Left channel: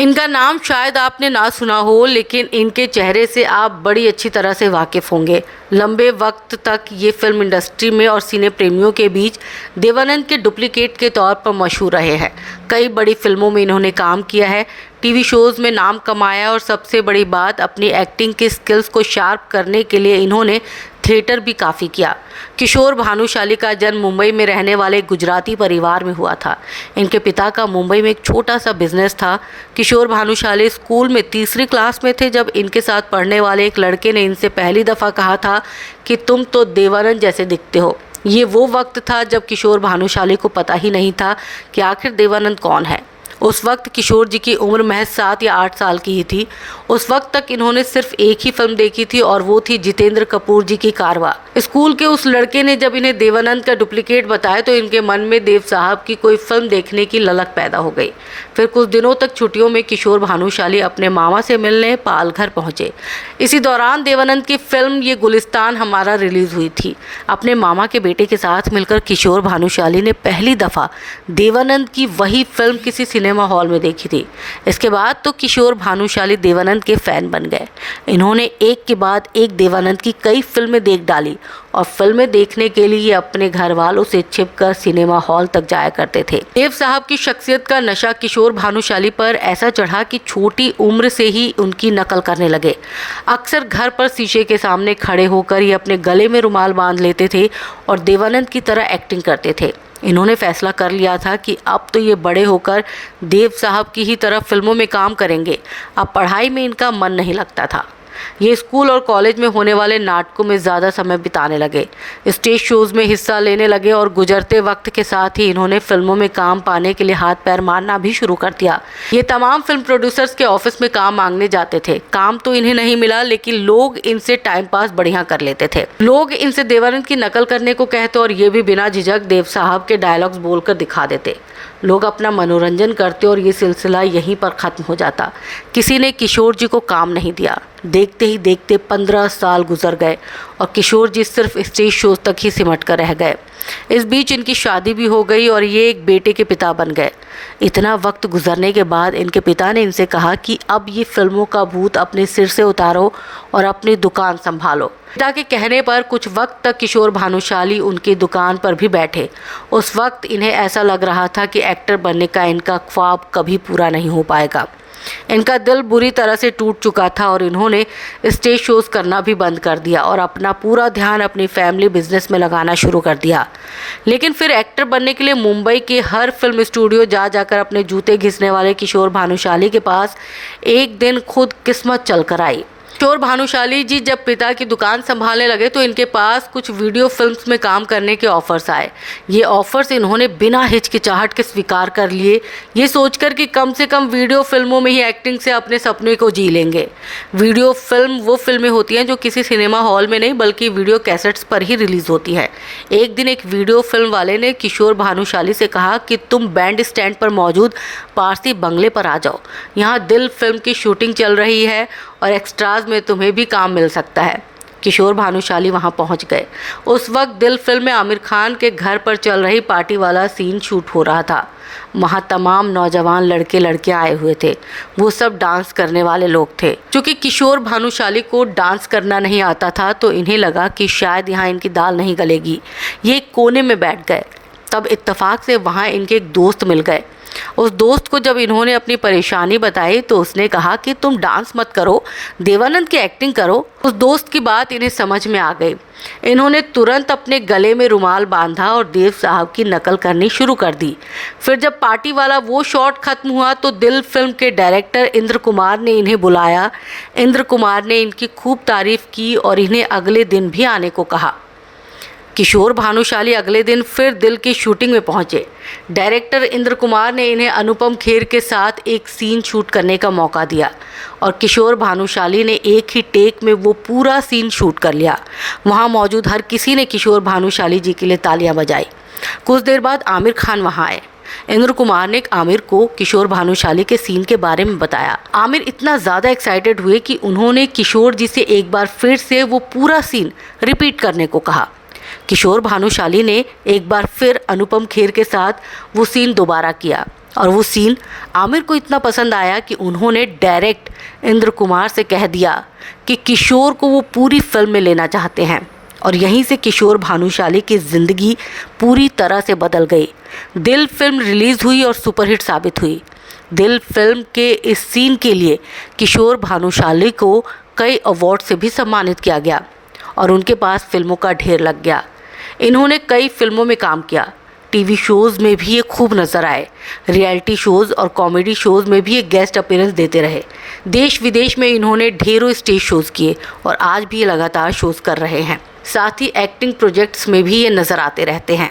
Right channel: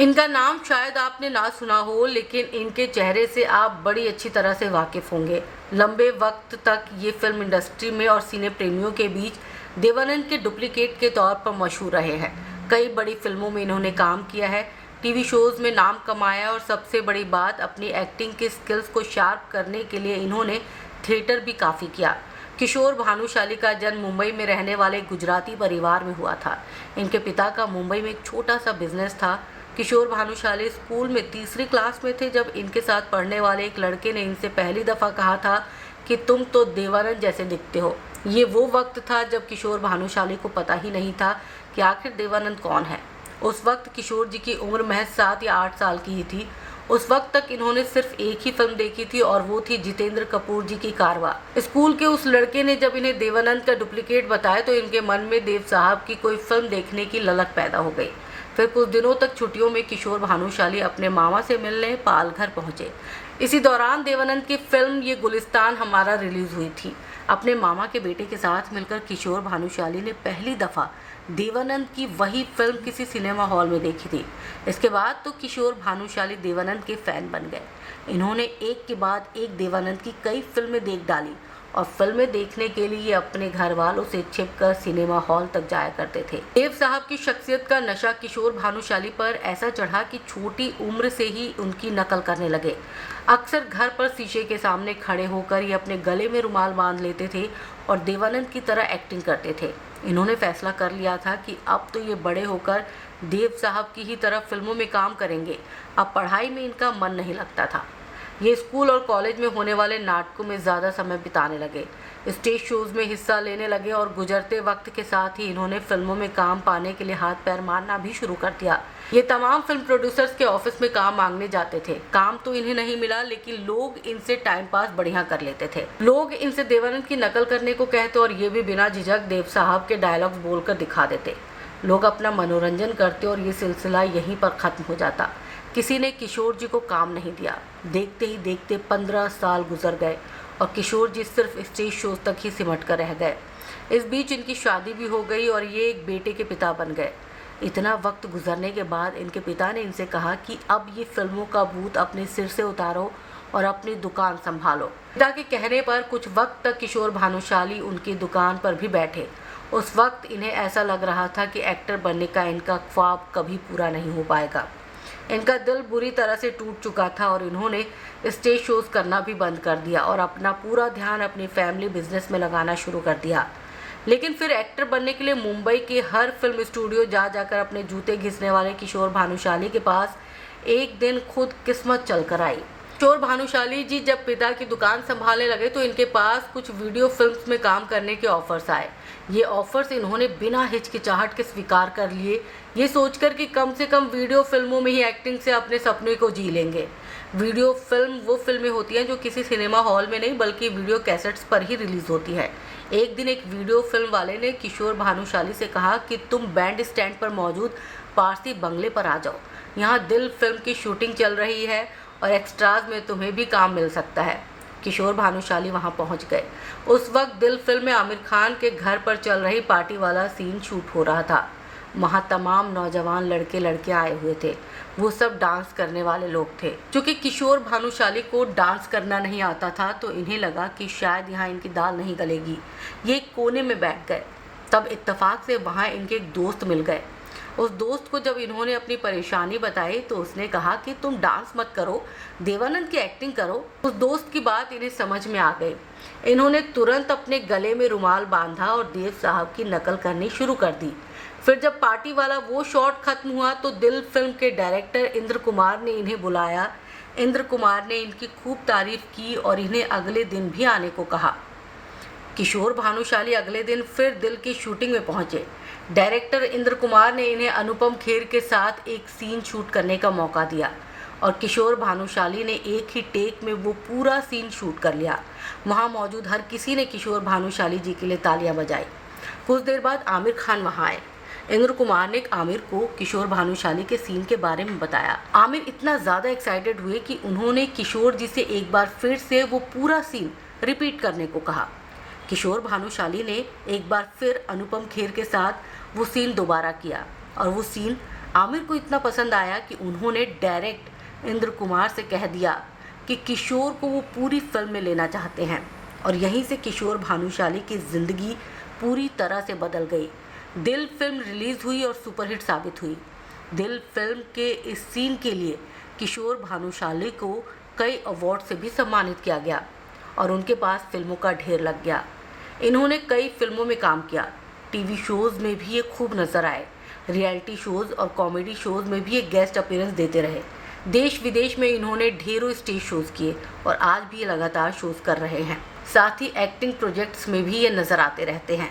इनका नाम शायद आपने ना सुना हो, लेकिन इनके चेहरे से आप बड़ी अच्छी तरह से वाकिफ़ होंगे। लंबे वक्त तक ये फिल्म इंडस्ट्री में और सिने प्रेमियों के बीच देवानंद के डुप्लीकेट के तौर पर मशहूर रहे हैं। कई बड़ी फिल्मों में इन्होंने काम किया है, टीवी शोज़ में नाम कमाया और सबसे बड़ी बात, अपनी एक्टिंग के स्किल्स को शार्प करने के लिए इन्होंने थिएटर भी काफ़ी किया। किशोर भानुशाली का जन्म मुंबई में रहने वाले गुजराती परिवार में हुआ था। इनके पिता का मुंबई में एक छोटा सा बिजनेस था। किशोर भानुशाली स्कूल में तीसरी क्लास में थे जब इनके साथ पढ़ने वाले एक लड़के ने इनसे पहली दफ़ा कहा था कि तुम तो देवानंद जैसे दिखते हो। ये वो वक्त था जब किशोर भानुशाली को पता ही नहीं था कि आखिर देवानंद कौन है। उस वक्त किशोर जी की उम्र महज 7 या 8 साल की ही थी। उस वक्त तक इन्होंने सिर्फ एक ही फिल्म देखी थी और वो थी जितेंद्र कपूर जी की कारवां। स्कूल के उस लड़के ने जब इन्हें देवानंद का डुप्लीकेट बताया तो इनके मन में देव साहब की कोई फिल्म देखने की ललक पैदा हो गई। फिर कुछ दिनों तक छुट्टियों में किशोर भानुशाली अपने मामा से मिलने पालघर पहुंचे। इसी दौरान देवानंद की फिल्म ये गुलिस्तान हमारा रिलीज हुई थी। अपने मामा के बेटे के साथ मिलकर किशोर भानुशाली ने पहली दफ़ा देवानंद की वही फिल्म किसी सिनेमा हॉल में देखी थी। इसके बाद तो किशोर भानुशाली देवानंद के फैन बन गए। इन्होंने एक के बाद एक देवानंद की कई फिल्में देख डाली और फिल्में देखने के लिए अपने घर वालों से छिपकर सिनेमा हॉल तक जाया करते थे। देव साहब की शख्सियत का नशा किशोर भानुशाली पर ऐसा चढ़ा कि छोटी उम्र से ही उनकी नकल करने लगे। अक्सर घर पर शीशे के सामने खड़े होकर ये अपने गले में रुमाल बांध लेते थे और देवानंद की तरह एक्टिंग करते थे। इन्होंने फैसला कर लिया था कि अब तो ये बड़े होकर देव साहब की ही तरह फिल्मों में काम करेंगे। अब पढ़ाई में इनका मन नहीं लगता था। ये स्कूल और कॉलेज में होने वाले नाटकों में ज़्यादा समय बिताने लगे, स्टेज शोज़ में हिस्सा लेने लगे और गुजरते वक्त के साथ ही इन्होंने फिल्मों में काम पाने के लिए हाथ पैर मारना भी शुरू कर दिया। ये तमाम फिल्म प्रोड्यूसर्स के ऑफिस में काम मांगने जाते थे। काम तो इन्हें नहीं मिला, लेकिन लोग इनसे टाइम पास बढ़िया कर लेते थे। लोग इनसे देवानंद की नकल करने को कहते और ये भी बिना झिझक देव साहब के डायलॉग्स बोलकर दिखा देते। लोग अपना मनोरंजन करते और ये सिलसिला यहीं पर ख़त्म हो जाता। किसी ने किशोर जी को काम नहीं दिया। देखते ही देखते 15 साल गुजर गए और किशोर जी सिर्फ स्टेज शोज तक ही सिमट कर रह गए। इस बीच इनकी शादी भी हो गई और ये एक बेटे के पिता बन गए। इतना वक्त गुजरने के बाद इनके पिता ने इनसे कहा कि अब ये फिल्मों का भूत अपने सिर से उतारो और अपनी दुकान संभालो। पिता के कहने पर कुछ वक्त तक किशोर भानुशाली उनकी दुकान पर भी बैठे। उस वक्त इन्हें ऐसा लग रहा था कि एक्टर बनने का इनका ख्वाब कभी पूरा नहीं हो पाएगा। इनका दिल बुरी तरह से टूट चुका था और इन्होंने स्टेज शोज करना भी बंद कर दिया और अपना पूरा ध्यान अपनी फैमिली बिजनेस में लगाना शुरू कर दिया। लेकिन फिर एक्टर बनने के लिए मुंबई के हर फिल्म स्टूडियो जा जाकर अपने जूते घिसने वाले किशोर भानुशाली के पास एक दिन खुद किस्मत चल कर आई। किशोर भानुशाली जी जब पिता की दुकान संभालने लगे तो इनके पास कुछ वीडियो फिल्म्स में काम करने के ऑफर्स आए। ये ऑफर्स इन्होंने बिना हिचकिचाहट के स्वीकार कर लिए, ये सोचकर कि कम से कम वीडियो फिल्मों में ही एक्टिंग से अपने सपने को जी लेंगे। वीडियो फिल्म वो फिल्में होती हैं जो किसी सिनेमा हॉल में नहीं बल्कि वीडियो कैसेट्स पर ही रिलीज़ होती हैं। एक दिन एक वीडियो फिल्म वाले ने किशोर भानुशाली से कहा कि तुम बैंड स्टैंड पर मौजूद पारसी बंगले पर आ जाओ, यहाँ दिल फिल्म की शूटिंग चल रही है और एक्स्ट्राज में तुम्हें भी काम मिल सकता है। किशोर भानुशाली वहां पहुंच गए। उस वक्त दिल फिल्म में आमिर खान के घर पर चल रही पार्टी वाला सीन शूट हो रहा था। वहाँ तमाम नौजवान लड़के लड़कियां आए हुए थे। वो सब डांस करने वाले लोग थे। क्योंकि किशोर भानुशाली को डांस करना नहीं आता था तो इन्हें लगा कि शायद यहाँ इनकी दाल नहीं गलेगी। ये एक कोने में बैठ गए। तब इत्तेफाक से वहाँ इनके एक दोस्त मिल गए। उस दोस्त को जब इन्होंने अपनी परेशानी बताई तो उसने कहा कि तुम डांस मत करो, देवानंद की एक्टिंग करो। उस दोस्त की बात इन्हें समझ में आ गई। इन्होंने तुरंत अपने गले में रुमाल बांधा और देव साहब की नकल करनी शुरू कर दी। फिर जब पार्टी वाला वो शॉट खत्म हुआ तो दिल फिल्म के डायरेक्टर इंद्र कुमार ने इन्हें बुलाया। इंद्र कुमार ने इनकी खूब तारीफ की और इन्हें अगले दिन भी आने को कहा। किशोर भानुशाली अगले दिन फिर दिल की शूटिंग में पहुंचे। डायरेक्टर इंद्र कुमार ने इन्हें अनुपम खेर के साथ एक सीन शूट करने का मौका दिया और किशोर भानुशाली ने एक ही टेक में वो पूरा सीन शूट कर लिया। वहां मौजूद हर किसी ने किशोर भानुशाली जी के लिए तालियां बजाई। कुछ देर बाद आमिर खान वहां आए। इंद्र कुमार ने आमिर को किशोर भानुशाली के सीन के बारे में बताया। आमिर इतना ज़्यादा एक्साइटेड हुए कि उन्होंने किशोर जी से एक बार फिर से वो पूरा सीन रिपीट करने को कहा। किशोर भानुशाली ने एक बार फिर अनुपम खेर के साथ वो सीन दोबारा किया। और वो सीन आमिर को इतना पसंद आया कि उन्होंने डायरेक्ट इंद्र कुमार से कह दिया कि किशोर को वो पूरी फिल्म में लेना चाहते हैं। और यहीं से किशोर भानुशाली की ज़िंदगी पूरी तरह से बदल गई। दिल फिल्म रिलीज़ हुई और सुपरहिट साबित हुई। दिल फिल्म के इस सीन के लिए किशोर भानुशाली को कई अवार्ड से भी सम्मानित किया गया और उनके पास फिल्मों का ढेर लग गया। इन्होंने कई फिल्मों में काम किया, टीवी शोज़ में भी ये खूब नज़र आए, रियलिटी शोज़ और कॉमेडी शोज़ में भी ये गेस्ट अपीयरेंस देते रहे। देश विदेश में इन्होंने ढेरों स्टेज शोज़ किए और आज भी ये लगातार शोज़ कर रहे हैं। साथ ही एक्टिंग प्रोजेक्ट्स में भी ये नज़र आते रहते हैं।